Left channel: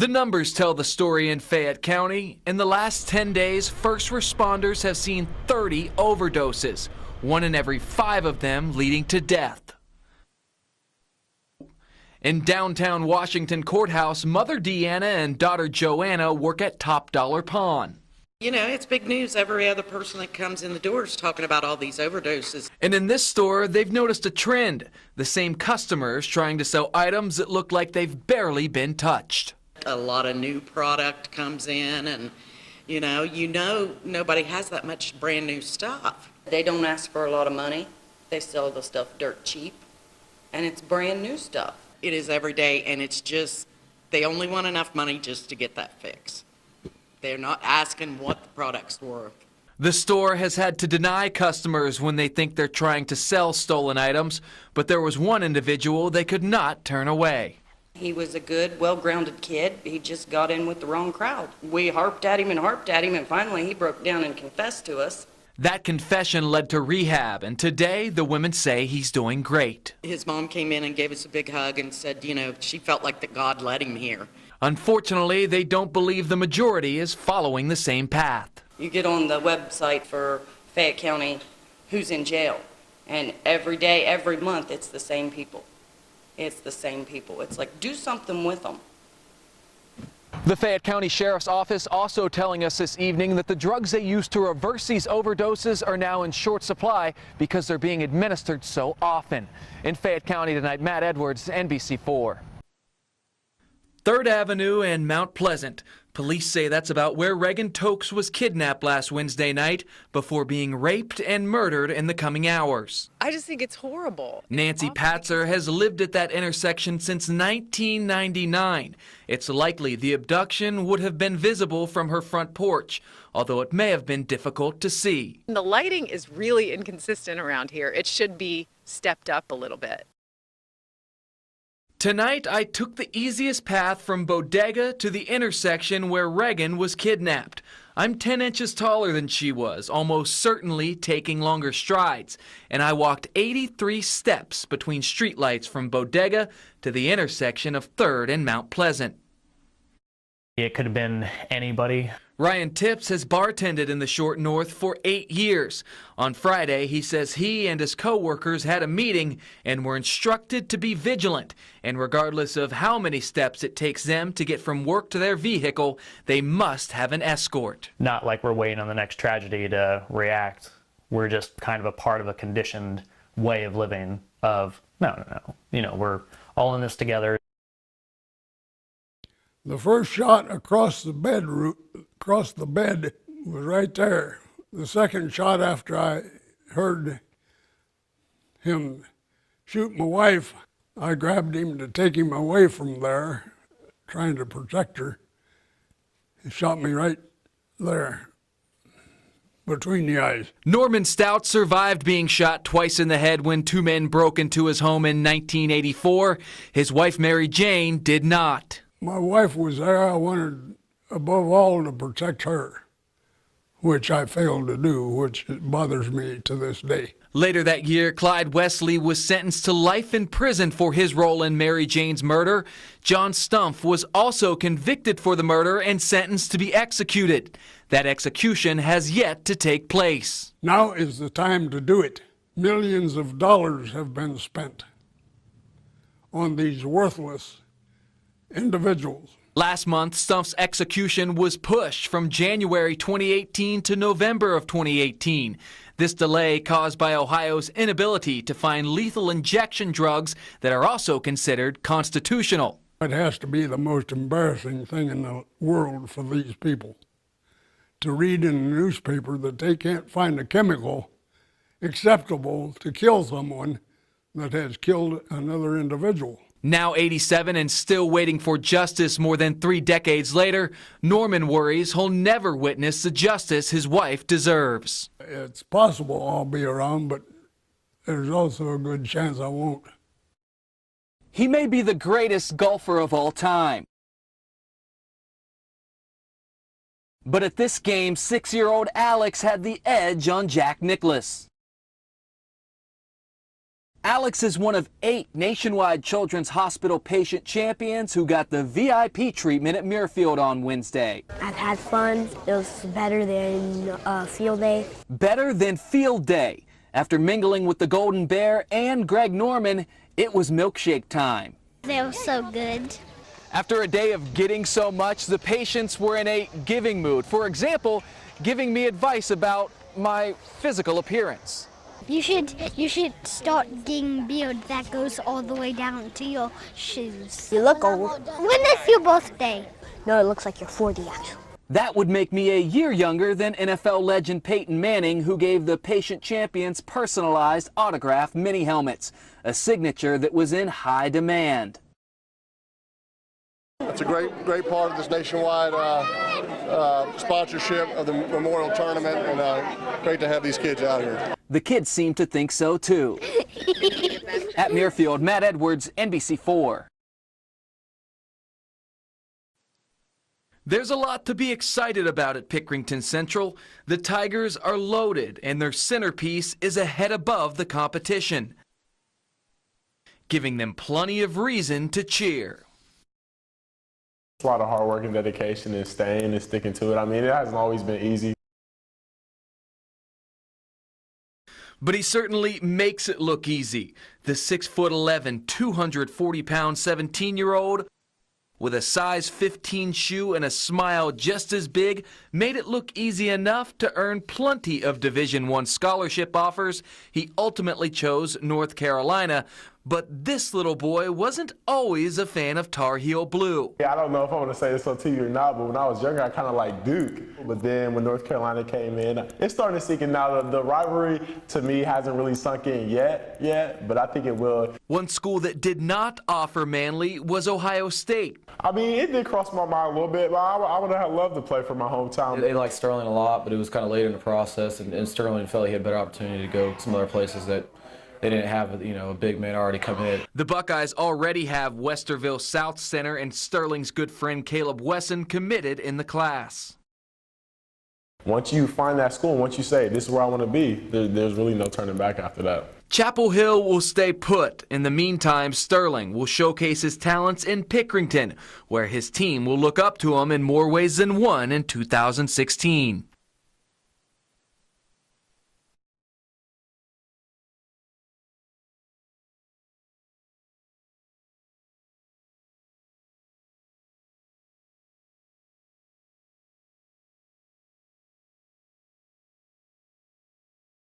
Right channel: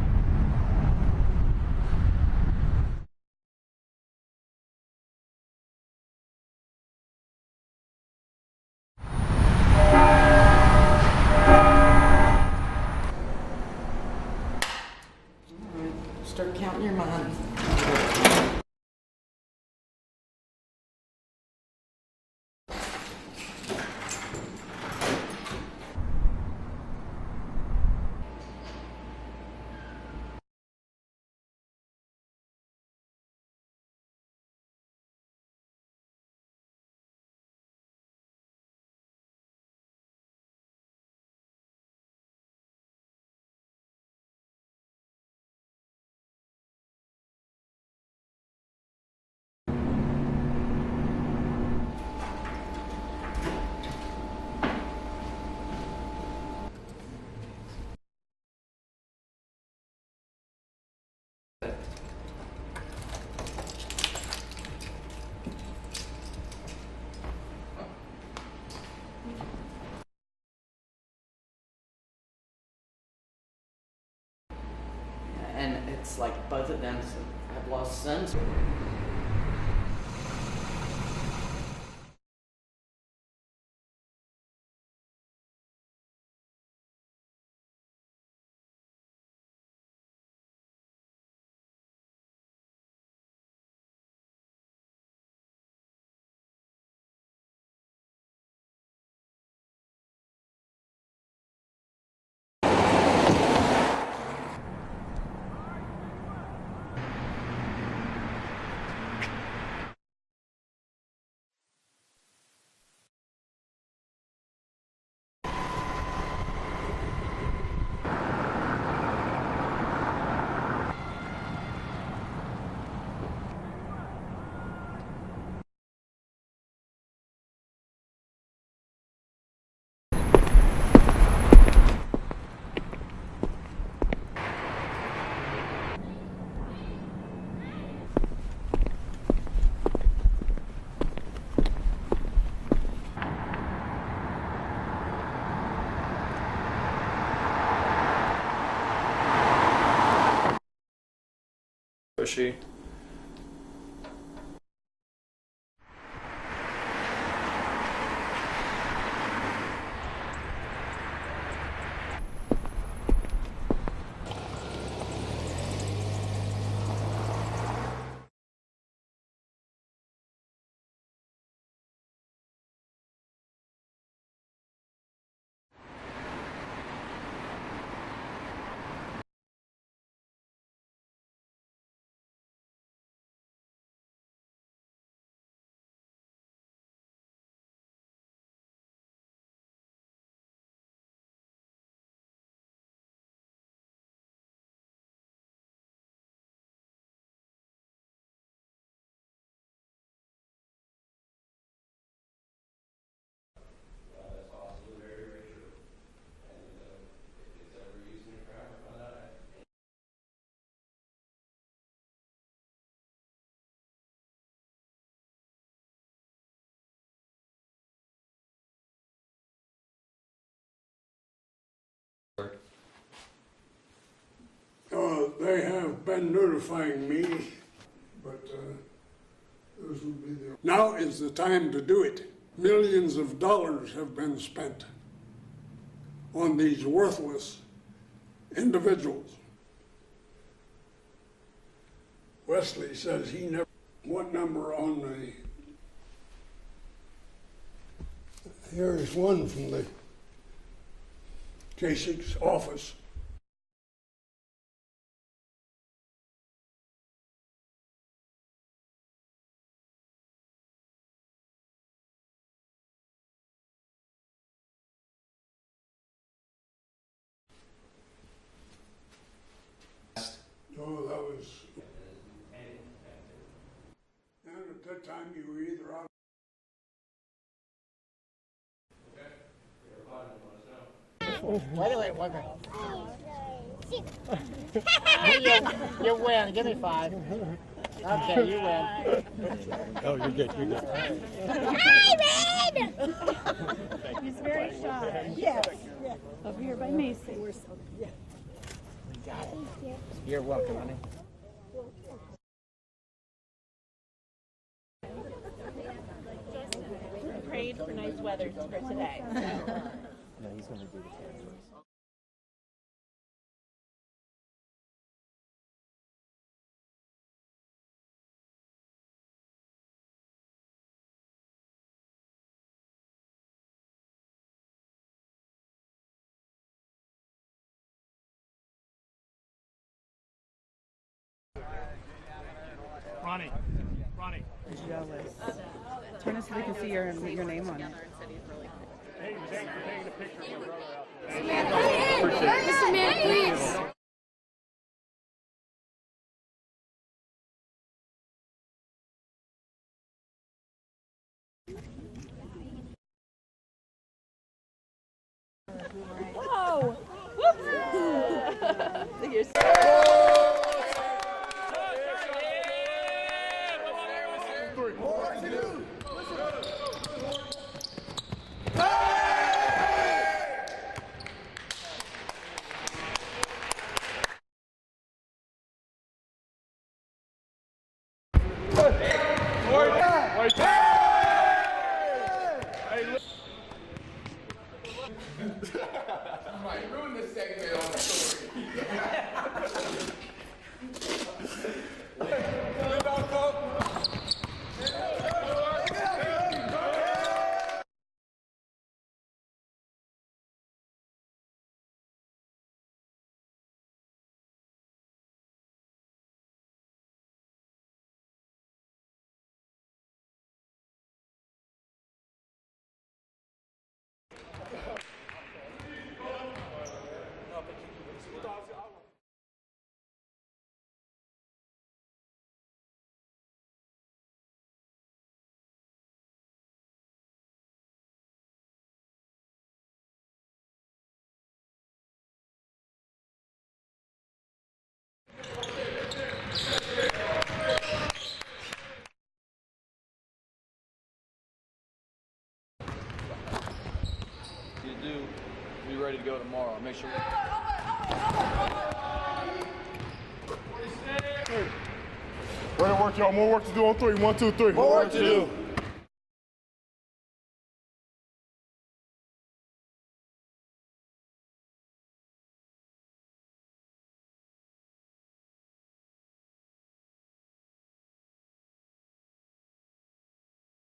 The numbers tell the story in Fayette County. In the last 10 days, first responders have seen 30 overdoses, 1 in every 5 of them leading to death. In downtown Washington Courthouse, Mother Deanna and daughter Joanna work at Top Dollar Pawn. You know, it's big news. Every other person that comes in the door is talking about all these overdoses. And in this store, they've noticed a trend. The same customers trying to sell items that look like they've barely been touched. A lot of new product comes in, and you know nobody has that much brand new stuff. They don't ask for a lot of money. They sell the stuff dirt cheap, and it's brand new stuff. It is every day, and it's just, they only want enough money just to get that fix. They're not asking what the product's worth. The store has had to deny customers when they think they're trying to sell stolen items, but there was one individual they could not turn away. He was a good, well-grounded kid. He just got in with the wrong crowd. We harped at him, and finally he broke down and confessed to us. That confession led to rehab, and today the women say he's doing great. His mom came in and gave us a big hug and said, you know, she felt like that God led him here. Unfortunately, they don't believe the majority is following the same path. You get on the website for Fayette County, who's in jail, and every day, every month, it's the same people. It's the same people. It's like, do something with them. The Fayette County Sheriff's Office also telling us this evening that the drugs they use to reverse these overdoses are now in short supply because they're being administered so often. In Fayette County tonight, Matt Edwards, NBC4. 3rd Avenue and Mount Pleasant. Police say that's about where Reagan Tokes was kidnapped last Wednesday night before being raped and murdered in the coming hours. I just think it's horrible. Nancy Patzer has lived at that intersection since 1999. It's likely the abduction would have been visible from her front porch, although it may have been difficult to see. The lighting is really inconsistent around here. It should be stepped up a little bit. Tonight, I took the easiest path from Bodega to the intersection where Reagan was kidnapped. I'm 10 inches taller than she was, almost certainly taking longer strides, and I walked 83 steps between streetlights from Bodega to the intersection of 3rd and Mount Pleasant. It could have been anybody. Ryan Tips has bartended in the Short North for 8 years. On Friday, he says he and his co-workers had a meeting and were instructed to be vigilant. And regardless of how many steps it takes them to get from work to their vehicle, they must have an escort. Not like we're waiting on the next tragedy to react. We're just kind of a part of a conditioned way of living of, no. You know, we're all in this together. The first shot across the bed was right there. The second shot after I heard him shoot my wife, I grabbed him to take him away from there, trying to protect her. He shot me right there, between the eyes. Norman Stout survived being shot twice in the head when 2 men broke into his home in 1984. His wife, Mary Jane, did not. My wife was there. I wanted, above all, to protect her, which I failed to do, which bothers me to this day. Later that year, Clyde Wesley was sentenced to life in prison for his role in Mary Jane's murder. John Stumpf was also convicted for the murder and sentenced to be executed. That execution has yet to take place. Now is the time to do it. Millions of dollars have been spent on these worthless individuals. Last month, Stumpf's execution was pushed from January 2018 to November of 2018. This delay caused by Ohio's inability to find lethal injection drugs that are also considered constitutional. It has to be the most embarrassing thing in the world for these people to read in the newspaper that they can't find a chemical acceptable to kill someone that has killed another individual. Now 87 and still waiting for justice more than 3 decades later, Norman worries he'll never witness the justice his wife deserves. It's possible I'll be around, but there's also a good chance I won't. He may be the greatest golfer of all time. You win. Give me 5. But at this game, 6-year-old Alex had the edge on Jack Nicklaus. Alex is one of 8 nationwide Children's Hospital patient champions who got the VIP treatment at Muirfield on Wednesday. I've had fun. It was better than field day. Better than field day. After mingling with the Golden Bear and Greg Norman, it was milkshake time. They were so good. After a day of getting so much, the patients were in a giving mood. For example, giving me advice about my physical appearance. You should start getting beard that goes all the way down to your shoes. You look old. When is your birthday? No, it looks like you're 40 actually. That would make me a year younger than NFL legend Peyton Manning, who gave the patient champions personalized autograph mini helmets, a signature that was in high demand. It's a great part of this nationwide sponsorship of the Memorial Tournament, and great to have these kids out here. The kids seem to think so too. At Muirfield, Matt Edwards, NBC4. There's a lot to be excited about at Pickerington Central. The Tigers are loaded, and their centerpiece is a head above the competition, giving them plenty of reason to cheer. It's a lot of hard work and dedication and staying and sticking to it. I mean, it hasn't always been easy. But he certainly makes it look easy. The 6'11", 240-pound 17-year-old with a size 15 shoe and a smile just as big made it look easy enough to earn plenty of Division I scholarship offers. He ultimately chose North Carolina. But this little boy wasn't always a fan of Tar Heel Blue. Yeah, I don't know if I want to say this on TV or not, but when I was younger, I kind of liked Duke. But then when North Carolina came in, it's starting to sink in now. The rivalry, to me, hasn't really sunk in yet, but I think it will. One school that did not offer Manly was Ohio State. I mean, it did cross my mind a little bit, but I would have loved to play for my hometown. They liked Sterling a lot, but it was kind of late in the process, and Sterling felt he had a better opportunity to go some other places that they didn't have, a big man already come in. The Buckeyes already have Westerville South Center and Sterling's good friend Caleb Wesson committed in the class. Once you find that school, once you say, this is where I want to be, there's really no turning back after that. Chapel Hill will stay put. In the meantime, Sterling will showcase his talents in Pickerington, where his team will look up to him in more ways than one in 2016. More work, y'all. More work to do on 3. 1, 2, 3. More work to do.